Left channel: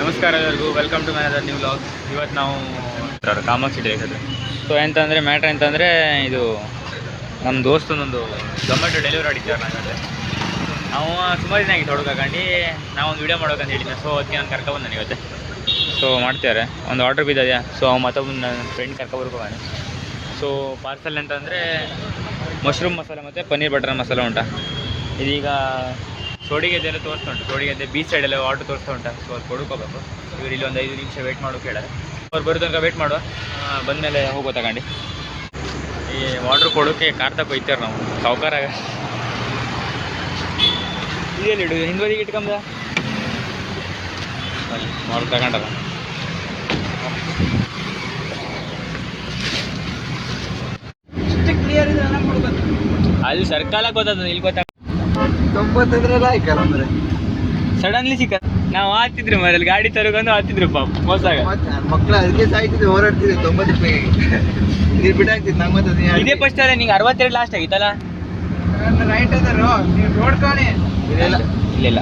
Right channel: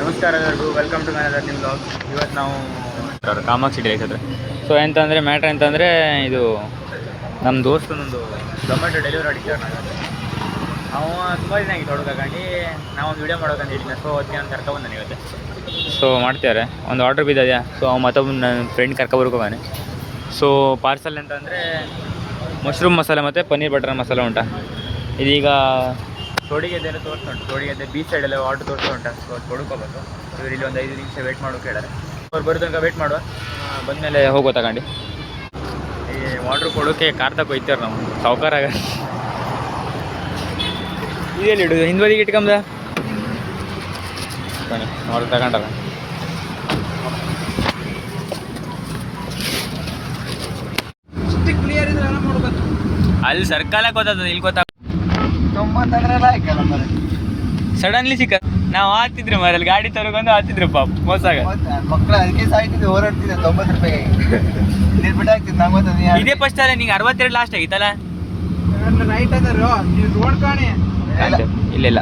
ನಮಸ್ಕಾರ ಎಲ್ಲರಿಗೂ, welcome to my other new vlog. ಇವತ್ತು ನಾವು ಕಾಮಾಕ್ಷಿ ಡೇಸ್ ಅದು. ಸೊ ಎಂತಂದರೆ ಮ್ಯಾಟ್ರ್ ಎಂತಂದರೆ, ಇದು ನಮ್ಮ ದೋಸ್ತನೊಂದು ಝೊಮ್ಯಾಟೊ ಡೆಲಿವರಿ ಮಾಡಿದ್ದಾರೆ. ನಾವಲ್ಲಿ ಅವ ಸುಮಾರು ದಿನ ಆಗಿತ್ತು ಹುಡುಗಂಡು ನಾವೊಂದು ವೀಡಿಯೋ ಮಾಡೋಕಂತ ಹೇಳಿದ್ದೆ. ಸೊ ಅದಕ್ಕೆ ನಾನು ಕರ್ಕೊಬಂದು ನನಗೆ ಸೊ ಮಾಡ್ತಾರೆ ಒಂದು ಆರ್ಡ್ರ್ ಬಿದ್ದದ್ಯಾ. ಸೊ ಅವ ಮತ್ತೊಬ್ಬ ನನ್ನ ಫ್ರೆಂಡ್ ಕರ್ಕೊಬರ್ಕೋಗಾನೆ. ಸೊ ಪಾರ್ಸಲ್ ಅಂತಂದರೆ ಮಶ್ರೂಮ್ ಮಸಾಲೆ ಮತ್ತು ಪನ್ನೀರ್ ಬಟರ್ ಮಸಾಲೆ ಉಂಟಾ. ಇದೀಗ ಸೋಡಿಗೆದ್ದೆಲ್ಲ ತೋರಿಸ್ತಾ ಉಂಟು. ಸೋಡಿಗೆದ್ದೆ ಬೀಚ್ ಸೈಡೆಲ್ಲ ಆರ್ಡ್ರ್ ತೋರಿಸ್ತಾ ಉಂಟು. ಸೊ ಅದು ಕೊಡ್ಕೋಬೇಕು. ಇವ್ರು ಇಲ್ಲಿ ಒಂದು 5 ನಿಮಿಷ ವೇಟ್ ಮಾಡೋಕೆ ಕೇಳಾರೆ. ಅವ್ರು ಬರೋ ತನಕ ವೇಟ್ ಮಾಡುವ. ಬಂದಮೇಲೆ ಹೋಗೋ ತಗೊಂಡು ಈ ಆರ್ಡ್ರ್ ಕೊಡೋಕ್ಕೆ ಕಾರ್ ತಗೋ ಹೋಯ್ತಾರೆ ನಾವು ಸಾವುಕಾರ. ಇದೇನು ಇಡು ಹಿಂದ್ವದಿಗೆ ಇಟ್ಕೊಂಬ ಆರ್ಡ್ರ್ ತಗೊಂಡಲ್ಲ. ಅಲ್ಲಿ ಸರ್ಕಲಕ್ಕೆ ಗೊತ್ತದ, ಇಲ್ಲಿ ಗೊತ್ತ 90 ಸಡನ್ಲಿ ಸಿಕ್ಕ. ನಾವು ಆತಿದ್ರು ಮರಲ್ಲಿ ಗಾಡಿ ತರಗೊಂಡು ಆತಿದ್ರು ಪಾಪ ಮೋಸಾಗ ಮಕ್ಕಳು ಅದಕ್ಕೆ ಸಾಯ್ತಿದ್ದೆ, ಹೋರಾಡ್ತಿದ್ದೆ 90 ರೂಪಾಯಿ ಬಿಟ್ಟಾಗ್ತಿದ್ದು. 90 ಇದೇ ಫಸ್ಟ್ ಅಲ್ಲ, ನಿಂಗೆ 62 ಲಾಸ್ಟ್ ಆಗಿತ್ತಲ್ಲ. ರೈಟ್ ಅದಾರು ನೀವು ರೋಡ್ ಕಾಣಿ. ಇಲ್ಲ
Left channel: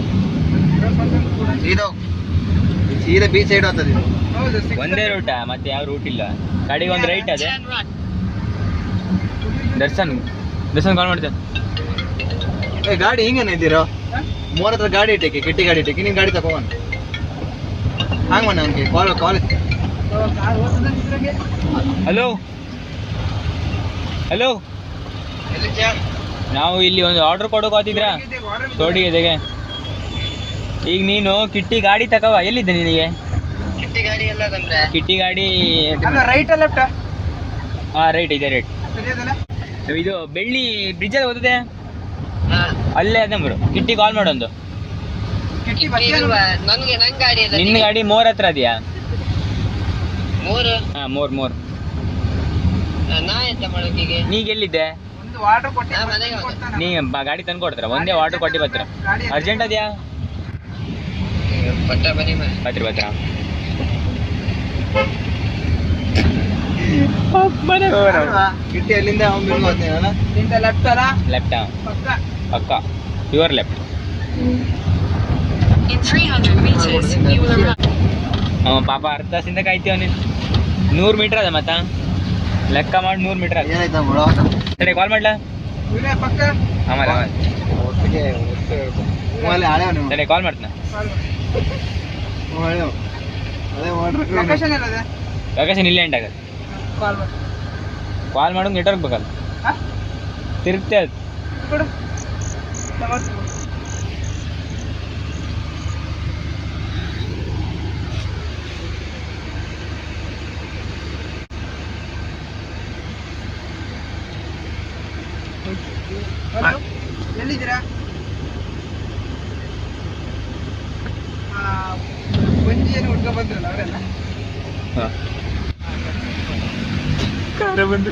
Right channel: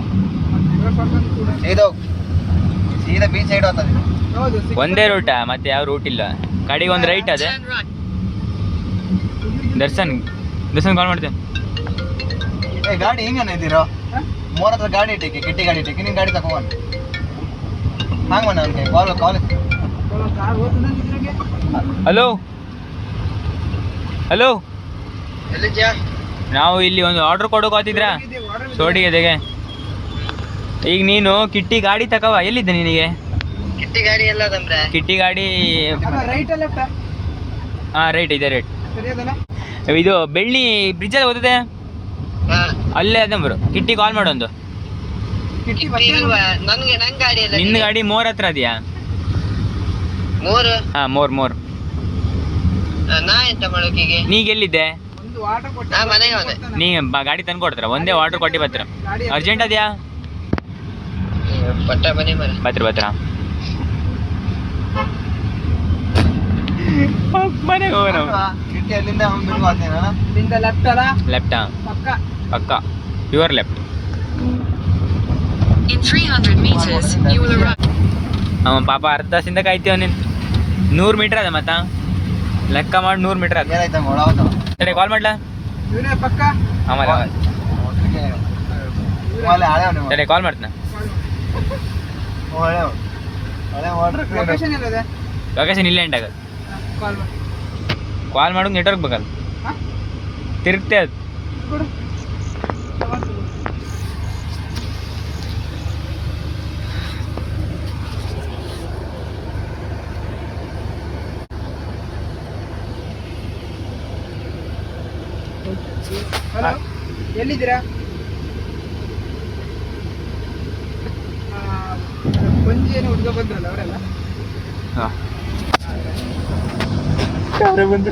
ಸೀದಾ ಬೀಚ್ ಸೈಡ್ ಹೋಗ್ತದೆ. ಒಂದೇ ರೂಟ, ಮತ್ತೆ ಯಾವ ರೂಟ್ ಇಲ್ಲ. ಗಾಡಿಗೆ ಒಂದು ರೈಟ್ ಅದೇ. ದರ್ಶನ್ ಕಾಲ್ ಮಾಡ್ತೇನೆ. ಗಾಡಿ ಹಿಂಗೇನೆ ಇದ್ದೀರೋ 3 ಹತ್ರ ಗಾಡಿ ಇಟ್ಟಕ್ಕೆ, ಕೆಟ್ಟಿ ಗಾಡಿ ಇಟ್ಟಕ್ಕೆ ನಿನ್ ಗಾಡಿ ತಗೊಂಡು ಹಾಂಗ್ ಮಾಡ ನನ್ಗೆ ಕಾಲ್. ಹಲೋ ಹಲೋ, ನಾವು ಇಲ್ಲಿ ಒಂದು ಆರ್ಡರ್ ಕೊಡೋಕಾತಿದ್ರ ಸೋಡಿಗೆದೆಗೆ. ಈಗ ನೀನು ಕಿಟ್ಟಿ ಗಾಡಿ ತಕವ. ಎಲ್ಲಿದ್ದೆ ನಿನಗೆ ಕಿಟ್ಟಿ ಗಾಡಿ? Right left? ಹಾಂ ರೈಟ್ ಇದೆ, ರೈಟ್. ಇದು ಬೆಳ್ಳಿ ಬ್ರಿಡ್ಜಲ್ಲಿ ಓದಿದೆ ಅಲ್ಲೇ ಅದೇ ಬರು. ಕಿಟ್ಟಿ ಕಾಲ್ ಮಾಡೊಂದು. ನಿನ್ನ ಗಾಡಿ ಮೋರ್ ಹತ್ರ ಅದೆಯಾ? ಹಾಂ ಮೋರ್. ನೀಗ ಎಲ್ಲಿದ್ದೆ? ನೀ ಗಾಡಿ ತಂದು ಕೊಡ್ತಾರ, ಒಂದೇ ವಾಟರ್ ಕೊಟ್ಟು ಬರ್ತೀರ. ಅರ್ಜೆಂಟ್ ಅದೆಯಾ? ಬತ್ರ ಮನೆಗೆ ಹೋಗೋಣ. ಕಿಟ್ಟಿ ಅಲ್ಲಿಂದ ಲೆಫ್ಟ್ ಪಕ್ಕ ಯುವರ್ ಲೆಫ್ಟ್. ಅವ ಪಾಪ ಅರ್ಧ ತಾಸಿಂದ ಕಾಯ್ತೀವ. ನೀನು 100 ಮೀಟ್ರ್ ಅದ ಮತ್ತ ಲೆಕ್ಕ ಮಾಡಿ 100 ಮೀಟ್ರ್ ಅದ. ಸರಿ ಕಾಲ್ ಮಾಡ್ಲಾ? ಆಮೇಲೆ ಸರಿ ಕಾಲ್ ಮಾಡ್ತೀನಿ. ಲೊಕೇಶನ್ ಇಲ್ಲ ಎಂಟಾಗ ಕಾಲ್ ಮಾಡೋದು. ನೆಟ್ವರ್ಕ್ ಬೇಕಲ್ಲ, ತಿರುಗ್ತೆ ಅದು. ಎಲ್ಲಿದ್ದೀರಾ? ಪುಂಜಿಯನ್ನು ಹುಡ್ಕೊ ಬಂದ್ರಲ್ಲ ಅವರೆಲ್ಲ. ಯಾರೇ ಬಂದು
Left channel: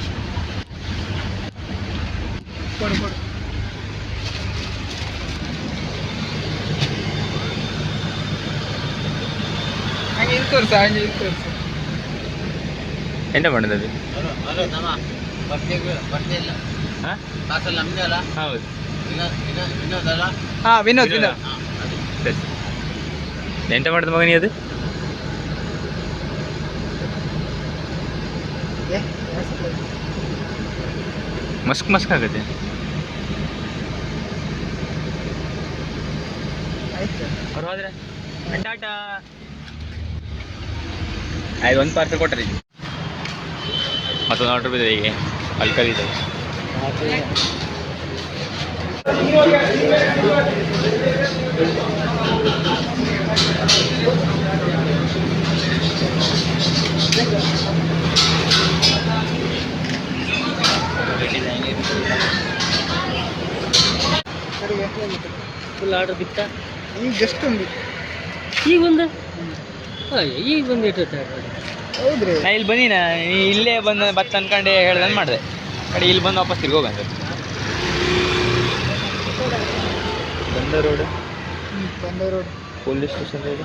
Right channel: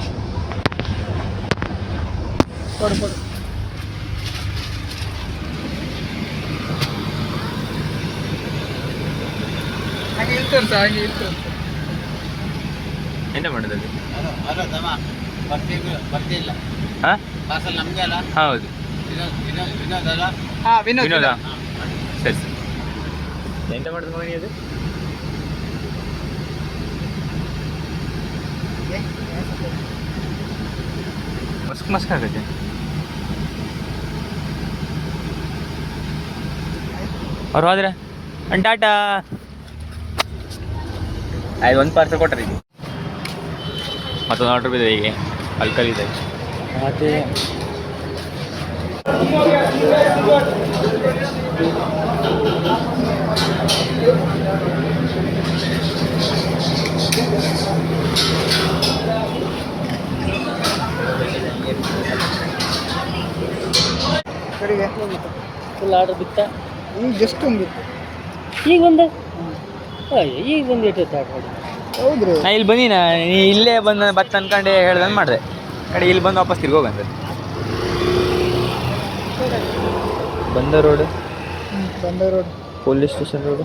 ಕೊಡು. ಹಾಗೆ ಇಲ್ಲಿ ತೋರ್ಸ. ಎಂತ ಮಾಡೋದು? ಹಾಂ ಹೌದು ವಿನೋದ. ಸರಿ ಎಂತ ಮಾಡೋದು ಮಗನಿ? ಅದು ಮಸ್ಕ್ ಆಗತ್ತೆ. ಅವ್ರು ಹೋದ್ರೆ ಟಾಟಾ. ಆಯ್ತು, ಒಂದು ಪಾರ್ಸಲ್ ಕೊಟ್ಟರೆ ಮತ್ತೊಂದು ಆರ್ಡ್ರ್ ಬಿದ್ದೆ. ಹೀಗೆ ಅಲ್ಕಲಿದೆ. ಫುಲ್ ಆರ್ಡರ್ ಬಿತ್ತ. ಈಗ ಜಸ್ಟ್ ಒಂದು ಈಗ ಬಂದು ಇಟ್ಟು ಹೌದ್ರಿ. ನಾ ಇಲ್ಲಿ ಬಂದಿನ, ನೀ ಇಲ್ಲೇ ಬಂದು ಬತ್ತ ಅನ್ಕೊಂಡೆ ಹೇಳ್ದಂಗೆ ಮಾಡಿದೆ. ಕಡೆ ಇಲ್ಲಿ ಬಂದು ವಾಪಸ್ ತಿರ್ಗಿ ಹೋಗಂತ. ಬಂದ ರೋಡ್ ಪೊಲೀಸ್ ಸ್ಟೇಷನ್ ರೋಡ್.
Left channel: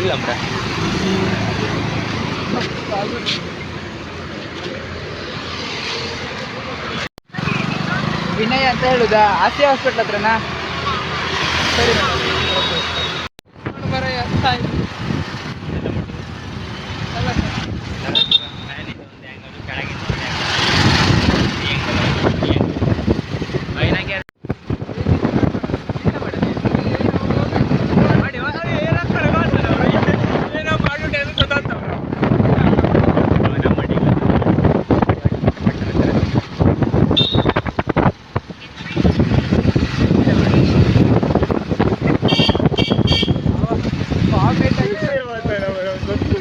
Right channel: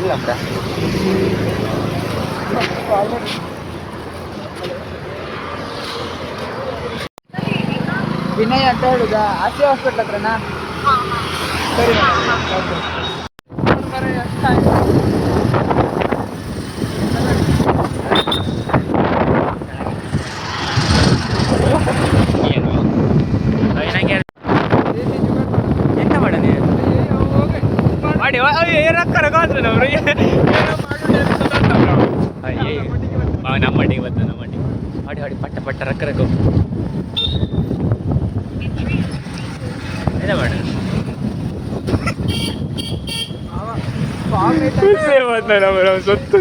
ಎಲ್ಲಮ್ರ ವಿನಯ್ ಅಂತ ಹೇಳುದಾ? ಆಸೆ ಹಾಸ್ಪಿಟ್ಲ್ ಹತ್ರನಾ? ಸರಿ ಓಕೆ. ಎಂತ ಮಾಡದೆ ಮಾಡಿ ಏನಾಗ್ತಾರೆ ಮಾತ್ರ ಅವರು ಏನೋ ಮಾಡಿಬಿಟ್ಟು ನಮ್ಮ ಮಟ್ಟಿಗೆ ಬಂದು ಮಾಡಿ ಮಾಡಿ ಪಟ್ಟ ಪಟ್ಟ ರಕ್ಕರ ಗೊತ್ತು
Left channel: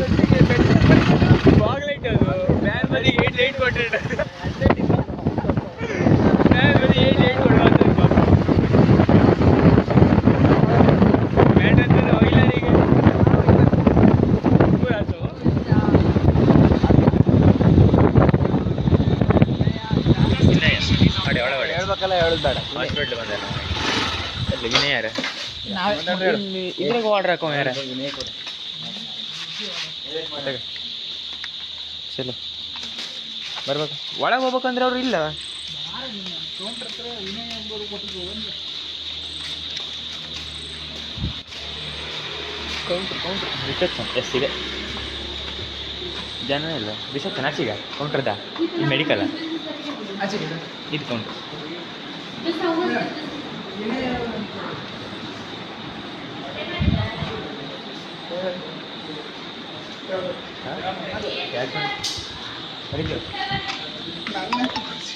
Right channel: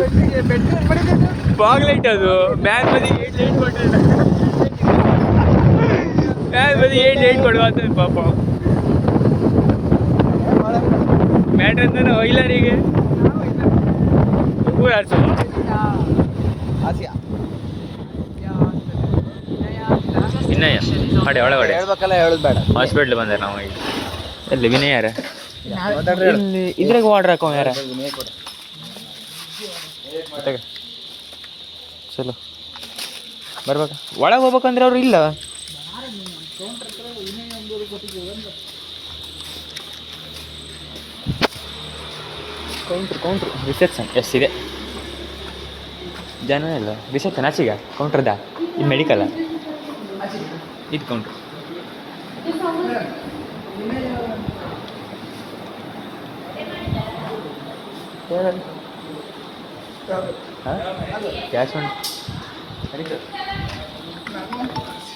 ಬಾಗ್ಲೈಟ್ ಅದು ಮ್ಯಾನ್ ಬದಿಗೆ 8 ಕೊಟ್ಟರೆ ಮ್ಯಾನ್ ಬದಿಗೆ 8 ಕೊಡುವ ಅಂತ ಪಾಪ ಮ್ಯಾಟ್ರ್ ಅಂತ ವೈಲರಿಗೆ ಕೂರಾಡ್ಸು ವಿನಯ ಅಡೆ ಒಳಗಡೆ ಹೇಳ್ಬೇಕಲ್ಲ, ಹೇಳುದು ಬೇಡ. ಹಾಸ್ಪಿಟ್ಲ್ ಬಂದೆ ನಾವು ಈಗ ಎಲ್ಲಿ ವಿನಯ ಯಾರ ಇಲ್ಲಿ ಇದ್ರಾಗ ಆರ್ಡ್ರ್ ಹಾಕೋ ಯಾರ ಚಲೋ ಬರ್ಬೇಕು ಒಳಗೆ ಹೋಗ್ಬೇಕಂದ್ರೆ ಅವರು ಇಲ್ಲ ಕೌಂಟ್ರ್ ರಿಸೆಪ್ಷನ್ ಎಷ್ಟಿದೆ ಜನ ಇಲ್ಲ ರಿಸೆಪ್ಷನ್ ಆಚೆಗ ಕೌಂಟ್ರದ ಇದು ಮೆಡಿಕಲ್ಲ ಇದು ಕೌಂಟ್ರ್ ಕ್ಯಾಶ್ ನಡೀತು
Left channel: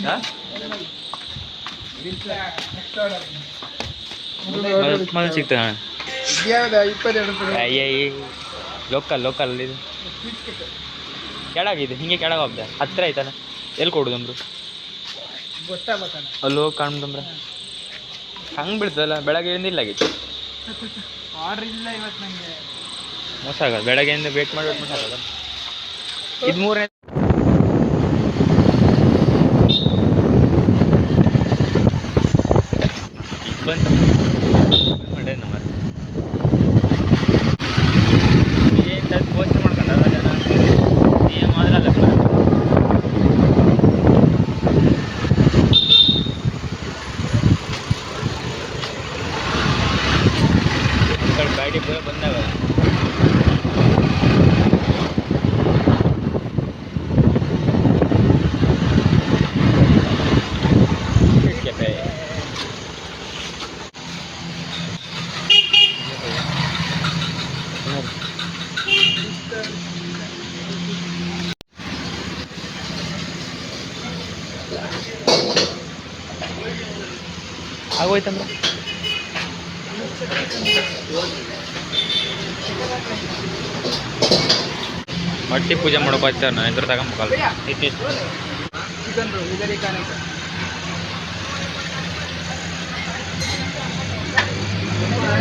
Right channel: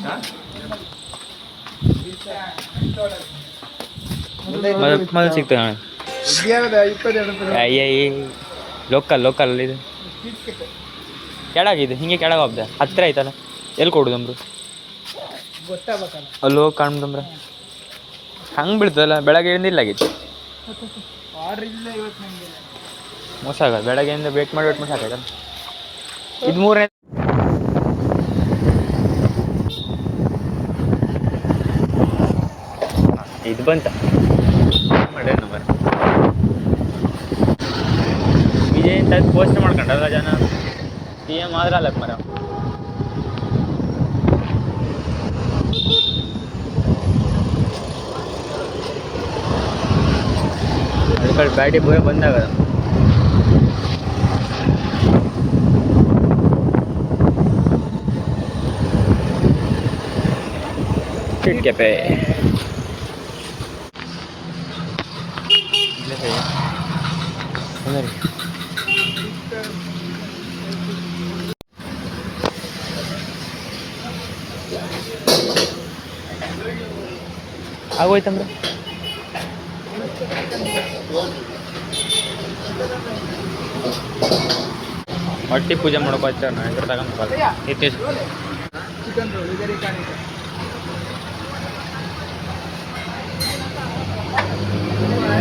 ಹಾಂ ಮೊದಲು ಸಿಗ್ತದೆ ಅಣ್ಣ ಅಯ್ಯ ಲೋಕಲ್ ಇದು ಕೆಳಗಿದೆ ಹಿಂಗೆ ಕೆಳಗೆ ಹೋಗ್ದೆ ಹತ್ತಿರ ಆಯ್ತಲ್ಲ ಎಲ್ಲಿ ಕೊಡುದಮ್ರು ಅಲ್ಲಿ ಹೋಗಿ ಕಾಣ್ದಮ್ರ ಹಂಗೆ ಬೀಳ್ತದಲ್ಲ ಬೆಳಗ್ಗೆಯಿಂದ ಇಲ್ಲ ಆಗಿತ್ತು ಮೋಸ ಆಗಲ್ಲ ಬೆಳಗ್ಗೆಯಿಂದ ವೇಟ್ ಮಾಡಿ ಮೋಸ ಆಗಲ್ಲ ಇದು ಮೂರನೇ ಇದು ಬಂತ ಮಾಡೇ ನಂಬರ್ ಇದೇನು ಟೈಪ್ ಪೋಸ್ಟ್ ಮಾಡ್ಕೊಂಡಲ್ಲ ಜನ ಏನು ಆದ್ರಲ್ಲ ಅದಕ್ಕೆ ಗಾಡಿ ಬಂದಾಗ ಕೆಪೆ ಆಗೋಯ್ತಂದ್ರೆ ಮಟ್ಟಿ ಪೂಜೆ ಮಾಡೋಕೆ ಹೋಗ್ತಾರೆ ನಾನು ಇದ್ರ ತಗೊಂಬೇಕಲ್ಲ ಚಿಕನ್ ರೋಲ್ ಇದರ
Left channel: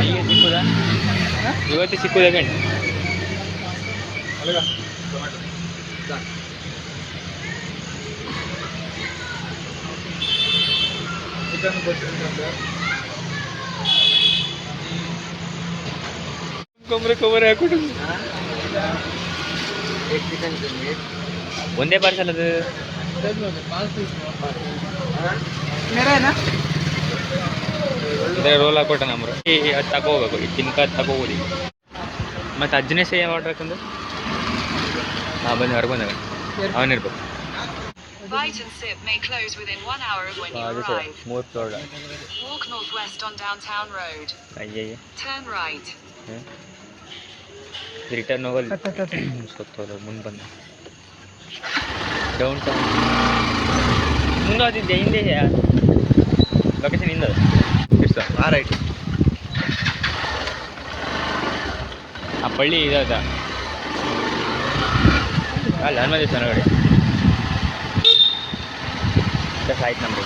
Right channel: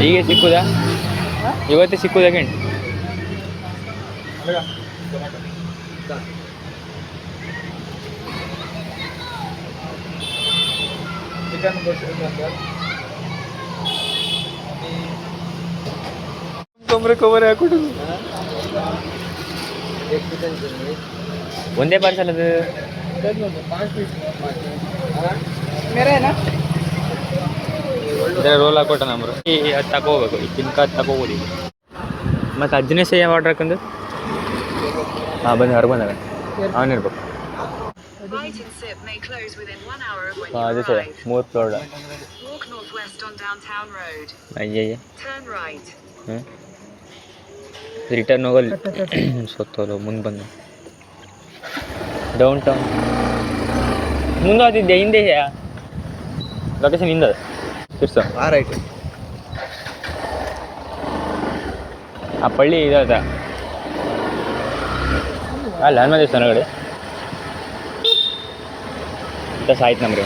ಹೀಗೆ ಸಿಕ್ಕುದಾ ಇವತ್ತೇ ಸಿಕ್ಕುದಾ ಗಂಟು ಚಿಕನ್ ಕವರ್ ಹಾಕ್ಬಿಟ್ಟು ಚಿಕನ್ ಒಂದೇ ಪಾರ್ಸಲ್ ಅದು 5 पीस मेरा है ना ಇದರ ರೋಲ್ ಹಾಕೊಟ್ಟ ನಮ್ರು ಅದು ತಗೋಬೇಕು ಈ ತಿನ್ಕ ತಗೋಬೋದು ಮತ್ತು ಅಜ್ಜನೇ ಸೇಮ್ ಆರ್ಡ್ರ್ ಹಾಕಂದು ಹಾಂ ಬಂದು ಹೊರಗೆ ಬಂದಾಗ ಅವನಿರ್ಬೇಕು Bite and Sip may close within 1 hour of when you ಅದು sir arrive. 3 floor Walk northwest on Downtown Road. ಅಯ್ಯಯ್ಯ Turn right. ಹ್ಞೂ ರಿಟರ್ನ್ ಹೋಗಲ್ಲ ಸೊತ್ತೋಲ್ಲ ಮುಂದೆ ಬಂದ ಡೌನ್ ಟೌನ್ ಮುಂಗಾದಿದ್ದೆ ಹಿಂದೆ ಲೊಕೇಶನ್ ಹಿಂದೆ ಇರ್ಸ ರೈಟ್ ಆ ಪಳ್ಳಿ ಇದಾದ ಅಲ್ಲ ಹನುಮ ದೇವಸ್ಥಾನ ಒಳಗಡೆ ದಸ ಆಯ್ತು ನಮ್ರಿ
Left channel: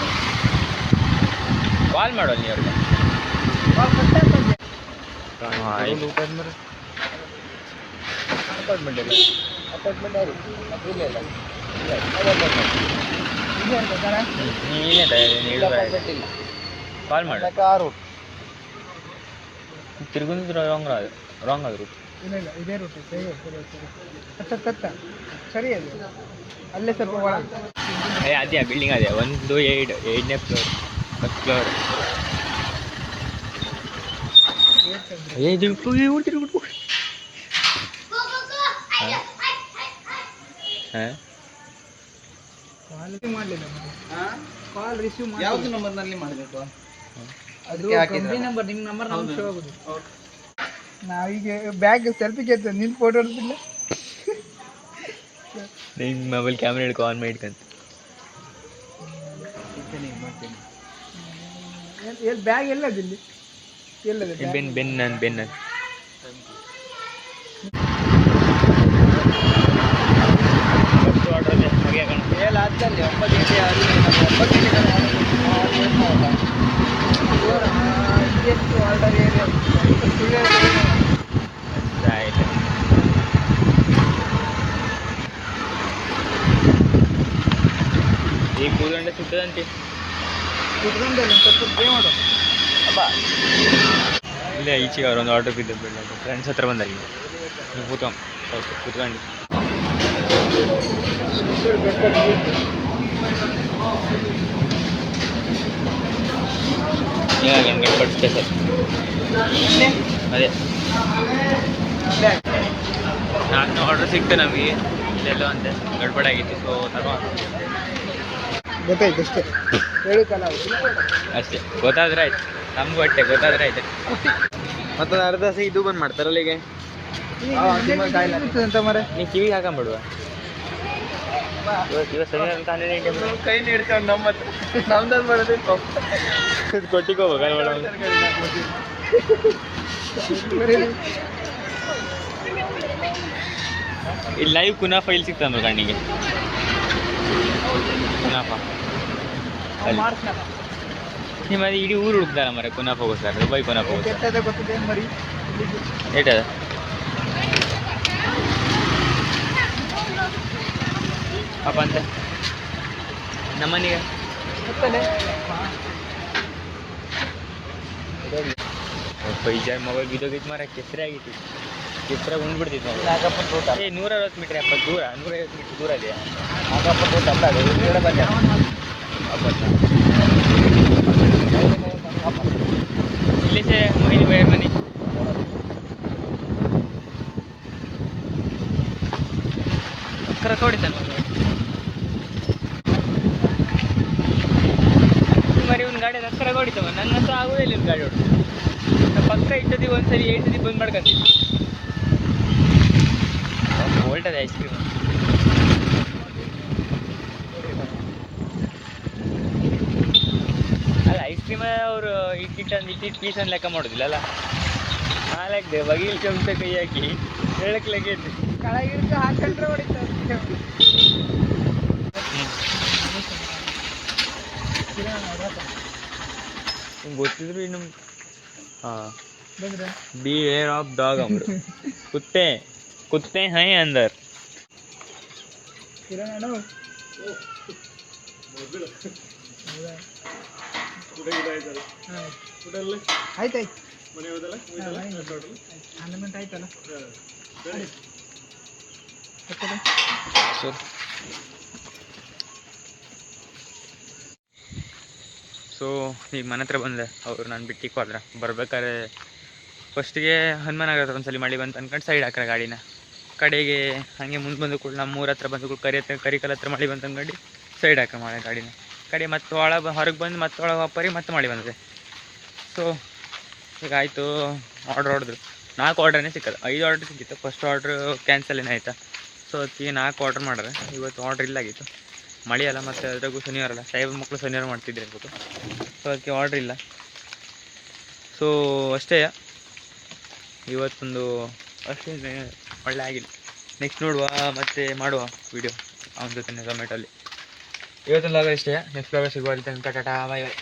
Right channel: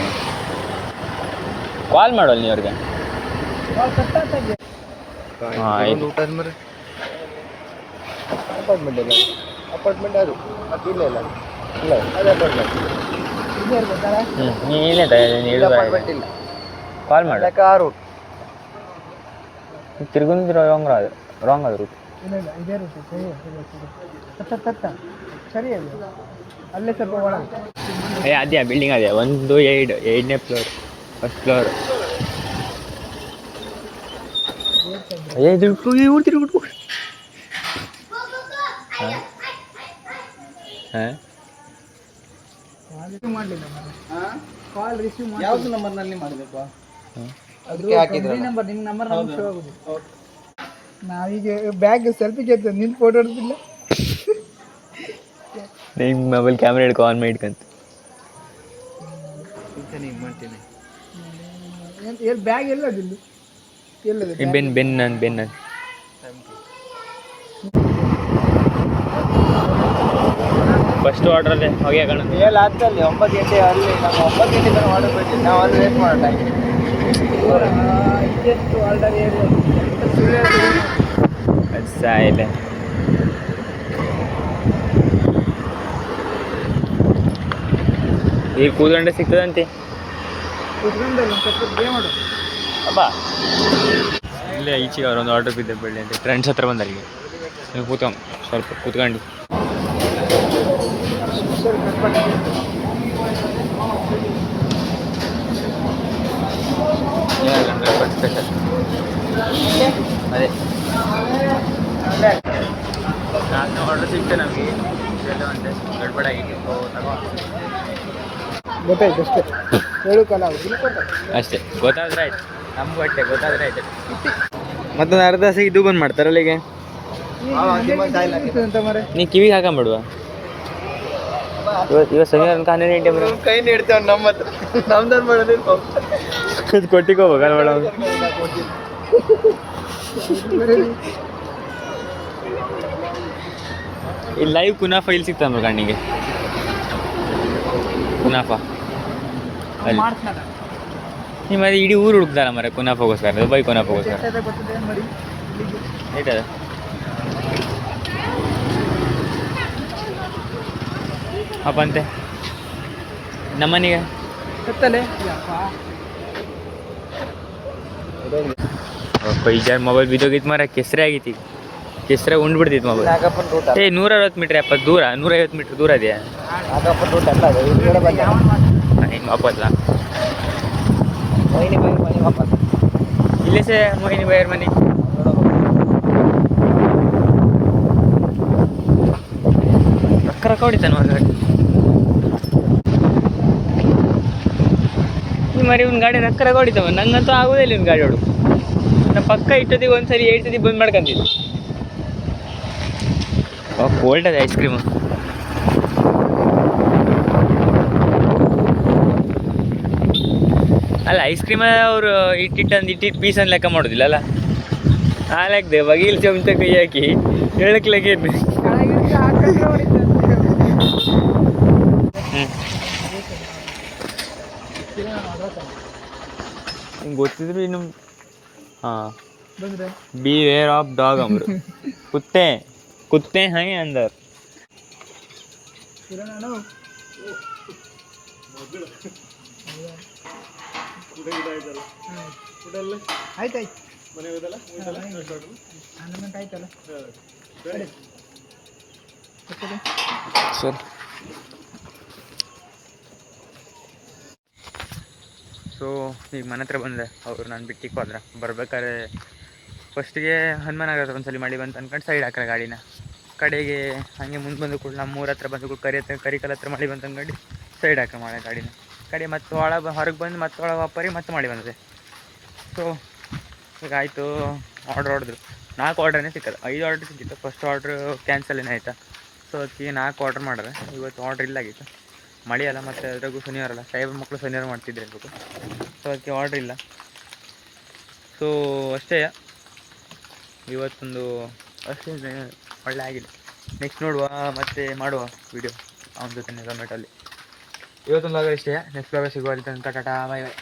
ಕಾಲ್ ಮಾಡೋಲ್ಲ ನೀ ಅವ್ರಿಗೆ ಹಾಂ ಆಯ್ತು ಅಪಾರ್ಟ್ಮೆಂಟ್ ಇಲ್ಲ ಅಪಾರ್ಟ್ಮೆಂಟ್ ಅದು ಮತ್ತೆ ಇಲ್ಲ ಇಲ್ಲ ಇಲ್ಲ ಅದು ಅಪಾರ್ಟ್ಮೆಂಟ್ ನೀನು ಅಪಾರ್ಟ್ಮೆಂಟ್ ಇಲ್ಲ ಕಾಲ್ ಮಾಡಿ ಆ ರೂಟ್ ತಿರುಗುಂದ್ರ ರಾಂಗ್ ಅದು ರೂಟ್ ಇಲ್ಲ ಇಲ್ಲ ಇದೇ ರೂಟ್ ಸರಿ ತತ್ತ ಸರಿ ಅದು ಅಲ್ಲೇ ಸ್ವಲ್ಪ ಒಳಗೆ ಅದೇ ಬಿಲ್ಡಿಂಗ್ ಅದೇ 1 2 8ನೇ ಫ್ಲೋರ್ ಫಸ್ಟ್ ಫ್ಲೋರ್. ಇದು ಬಿಟ್ಟು ಹಾಂ ಕಾಲ್ ರಿಸೀವ್ ಮಾಡಿ ಯಾವ್ದು ನಂಬರ್ನಲ್ಲಿ ಮಾಡಿದಪ್ಪ? ಅದು ಕಂಪ್ನಿ ನಂಬರ್, ನಿಮ್ಮ ನಂಬರ್ ನಮ್ಗೆ ಶೋ ಆಗೋದು. ನಾವೀಗ ಬ್ಯಾಗ್ ಸೆಲ್ಫಿಗೆ ಎತ್ತ ನಿನ್ನ ಫೋಟೋ ಹೊಡೆದಿಲ್ಲ. ನಿನ್ನ ಮೊಬೈಲ್ ಕ್ಯಾಮ್ರಾ ಹಿಡ್ಕೊ ಆನ್ ಮಾಡಿ ಇಟ್ಕಂತ. ಮಾಡ್ತೀನಿ. ಎಲ್ಲಿ ಬ್ಯಾಗ್ ಎಲ್ಲದಿಲ್ಲಿ? ಎಲ್ಲದ ಬೆನ್ ಫಸ್ಟ್ ಆರ್ಡ್ರಲ್ಲೇ ಹೋಗಿ ಹಾಕೋಣ. 7 ಆಗ್ತಲ್ಲಿ 9 ಗಂಟೆ ಅಲ್ಲಿ ನಮ್ಮ 9 ಗಂಟೆ ತನಕ ಆರ್ಡರ್ ಬಿಟ್ಟು ನಾವು ಅಲ್ಲಿ ವೇಟ್ ಮಾಡೋಣ. ಸಾಯಿಲ್ಲ. ಈಗ ಕೂತ್ಕೊಂಡ್ರೆ ಸಿಗ್ತದಂತೆ. ಅಬ್ಬಾ ಇಲ್ಲೇ ಈಚೆಗೆ ಅವ್ರೊಂದು ಆರ್ಡರ್ ಬಿದ್ದೆ ಬಿಡಲಿ ಅಂತ ಫ್ರೆಂಡ್ಸ್ ಹತ್ರ ಬಂದಾರ. ಈಗ ನೀವು ಕೂತ್ಕೊಂಡು ಸ್ವಲ್ಪ ಕೂತ್ಕೊಂಡು ಗಡ್ಬಡ್ ಸ್ಪೆಷಲ್ ಅದೇ 4 ಆರ್ಡ್ರ್ ಸಿಕ್ತು ನಮಗೆ. ಎಲ್ಲೋ ಅಂತೆ ಗಡ್ಬಡಾಗಿತ್ತು. ಸೊ ತಗೋ ಗೊತ್ತಾಯ್ತು ಅಷ್ಟೇ. ಹೇಳೋಕ್ಕಲ್ಲ ಅಷ್ಟೇ, ಗೊತ್ತಾದ್ರೆ ಆಯ್ತು. ನಮಗೂ ಅಷ್ಟೇ ಗೊತ್ತಾದ್ರೆ ಆಯ್ತು. ಮತ್ತೊಂದು ಅರ್ಧ ಸಿ ಇದು ಬಂದು ಮಾಡ್ತಾರಲ್ಲ ಈಗ. ಅಂತ ಮರೆ ನೀ ಕಿವಿಗೆ ಹಾಕೊಂಬಿಡುವ. ಇವತ್ತು ಶನಿವಾರ ಅಂತ 12 ಗಂಟೆ ಬರೋ ಕೈ ನೀಡ್ತೇವೆ ನಮ್ಮ ಹತ್ರ. ನಮ್ದನ್ನು ಮಾಡೋದಿಲ್ಲ. ಇದು ಕೊಟ್ಟಿಗೆ ಹೋಗ್ಬೇಕಲ್ಲ ಮೇಡಮ್. ಇಲ್ಲಿ ಲೈವ್ ಕುನಾಫ ಇಲ್ಲಿ ಸಿಗ್ತಾನ ಕಣ್ಣಿಗೆ. ಕುನಾಫ ಅಲ್ಲಿ ನಿಮ್ಮ ಇಡೀ ಊರು ಹುಡುಕ್ತಾರ ಮರ ಕುನಾಫಗೋಸ್ಕರ. ದುಬೈ ಕುನಾಫಗೋಸ್ಕರ ಗೊತ್ತಿದೆ ಮರಿ ಏಟದ ಅಪ್ಪ ಅಂತೆ ನಮ್ಮನೆಗೆ ಗೊತ್ತಲ್ಲೇ. ಪೈಜಾರ್ ಮೊಬೈಲ್ ಬಿದ್ದೋಗಿತ್ತು ಮರ. ಕೆಸರೆ ಆಗೈತಿ. ಕೆಸರೆ ಉಂಡ್ಬಿಡ್ತಿತ್ತು ಮೊಬೈಲ್. 160 ಮೀಟ್ರ್ 70 ದೂರ 150 ಮೀಟ್ರ್ ದೂರ ಇದೆಯಾ? ಹಿಂಗೆ ವಾಪಸ್ಲ ಇಲ್ಲೇ ಸೇ ಮೊಯ್ಲಿ ಬೈಯರ್ ಮನೆ. ಹೊರಕೊಡಿತಾನೆ ಹೊರಗಡೆ. ಈ ಮರಿ ಒಂದು ಗಾಡಿ ನಕ್ಕರ ಹೊಡಿತಾವ. ನಂಗಂತೂ ಆಗೋದಿಲ್ಲ ಒಂದು ಗಾಡಿ ಹೊಡೆದು. ನಮ್ಮ ಪಕ್ಕ ಇಟ್ಟದಿಗೆ ಒಂದ್ಸರಿ 8 ಸತಿ ಬಂದ್ ಮಾಡ್ಕೊಂತಿದ್ವಿ. ಕೋಲ್ಡ್ ಅದು ಐಸ್ ಕ್ರೀಮು. ಅಲ್ಲ ಐಸ್ ಕ್ರೀಮ ಅವರು ಇಟ್ಟಿಟ್ಟು ಪೀಸನ್ನು ಲೆಕ್ಕ ಮಾಡೋದಿಲ್ಲ ಅಲ್ಲ. ಹಾಲಾಗ್ದೆ ಬಗೀಲ್ ಚಮಚ ಕೈ ಹಾಕಿ ಹೇಳಕ್ಲಾಗೆ ಹ್ಞೂ ಹಿಂಗೆ ಗೊತ್ತಿದ್ರು ಇನ್ನು. ಹಾಂ बी वेयर ऑफ डॉग अमर कुत्ते हैं अंदर. ಸೊ ಈಗ ಮನೆ ಹತ್ರ ಬಂದೆ. ಅವರು ನಾನು ಬಿಟ್ಟಿಗೆ ಹೋದ್ರೆ ಬರ್ಬೇಕಾದ್ರೆ ಫಸ್ಟಿಗೆ ಹನುಮಾನಗರ ಹತ್ರ ಒಂದ್ಸಲಿ ಮಳೆ ಬಂತು ಅನ್ಕೊಂಡು ಸೈಡ್ ಹಾಕ್ರೆ ಗಾಡಿನ. ಕಡೆಗೆ ಹಾಗೆ ಮುಂದೆ ಬಂದು ಕೂಡ ನಮ್ಮ ಊರ ಹತ್ರ ಬಂದು ಕೂಡ ಕರಿಕಲ್ ಹತ್ರ ಮಳೆ ಬಂತು ಅಂದ್ಕೊಂಡು ಸೈಡ್ ಹಾಕ್ರೆ ಮಾಡಿ ಗಾಡಿನ. ಕಡೆ ಮತ್ತೆ ಹೊರಗೆ ಬಂದು ಮತ್ತೆ ಒಳಗೆ ವಾಪರಿ ಮತ್ತೆ ಮಳೆ ಬಂದಿದೆ. ಸೊ ಈಗ ಆಯಿತು. ಆರ್ಡ್ರ್ ಹೊಡೆದ್ರು. 4 ಆರ್ಡ್ರೇ ಸಿಕ್ಕದು. 5 ಆರ್ಡ್ರ್ ಸಿಕ್ಕಿತ್ತು. ಫಸ್ಟ್ ಆರ್ಡ್ರ್ ಕ್ಯಾನ್ಸಲ್ ಏನಾಯ್ತಾ. ಸೊ ಅದಕ್ಕೆ 4 ಆರ್ಡ್ರ್ ಮಾಡ್ರೆ. ಇವತ್ತು ಆರ್ಡ್ರ್ ಇಲ್ಲಾಗಿತ್ತು. ಮಳೆ ಅಲ್ಲ ಮತ್ತು ಅದ್ರಾಗೂ ಶನಿವಾರ ಅಲ್ಲ. ಸಾಹೇಬ್ ಮಕ್ಕಳು ಶನಿವಾರ ಮಾಡ್ತಿದ್ರೆ ಇರ್ಬೇಕು. ಸೊ ಅದಕ್ಕೆ ಆರ್ಡ್ರ್ ಇಲ್ಲ. ಸೊ ಅಷ್ಟೇ ಇವತ್ತೊಂದು ಅಷ್ಟೇ ಒಳ್ಳೆ ಆಗಿಲ್ಲ. ನೆಕ್ಸ್ಟ್ ನೋಡುವ ಮತ್ತು ಮಾಡುವ ವೀಡಿಯೋ ಅವನ ಜೊತೆ ಝೊಮ್ಯಾಟೋಲ್ಲಿ. ಇವತ್ತೊಂದು ಲಾಗ ಇಷ್ಟೇ. ನೆಕ್ಸ್ಟ್ ಲಾಗ ಸಿಗುವ. ಟಾಟಾ ಬಾಯ್ ಬಾಯ್.